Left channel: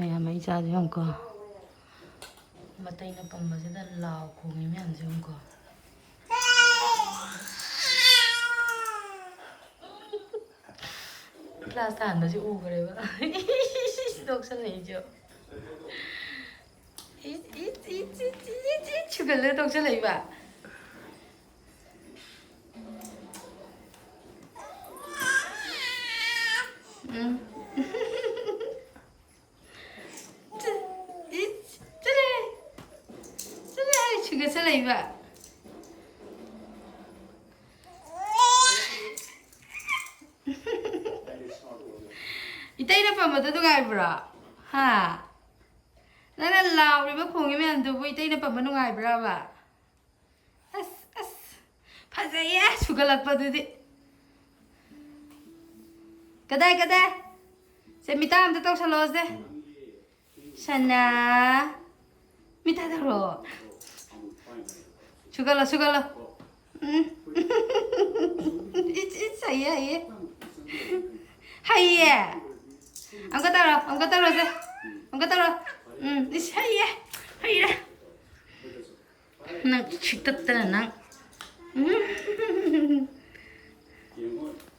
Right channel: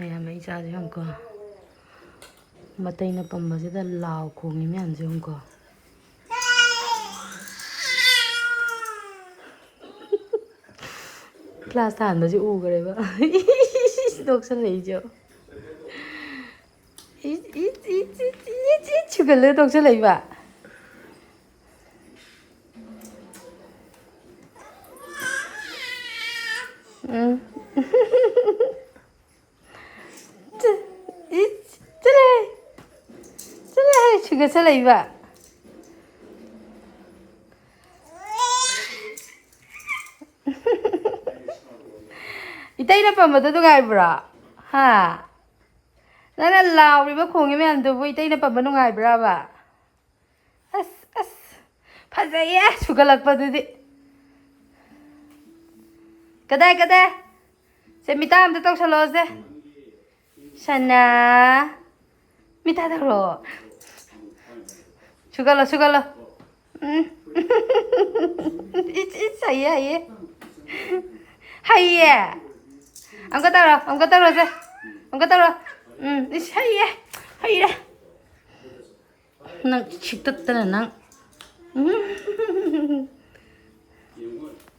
ꯃꯌꯥꯝ ꯏꯆꯥꯁꯦ ꯌꯦꯡꯉꯨꯀꯣ ꯃꯇꯩꯅ ꯄꯝꯕꯁꯤꯗ ꯂꯥꯎ ꯈꯣꯡꯉꯤ ꯃꯌꯥꯝꯁꯦ ꯌꯦꯡꯉꯨꯀꯣ class ꯊꯥꯟꯕꯁꯦ ꯎꯈ꯭ꯔꯦꯕ ꯇꯣꯛꯁꯜꯂꯛꯏꯁꯦ ꯁꯨꯒꯠꯂꯒ ꯇꯣꯛꯁꯜꯂꯛꯏꯕ 수գꯠ살레이봐 이따이나 뻔마도 누가이브라 하 나는 라우리바 공이면 두부 이따이나 뻔마 누가이브라바 아스 파자야 수갈락바두디 가다 세미타 암도 떡살러세 샤나 미타다로 수갈러 it's 하이야 하이야 angkat taruh sih hayi nang ciktet tenang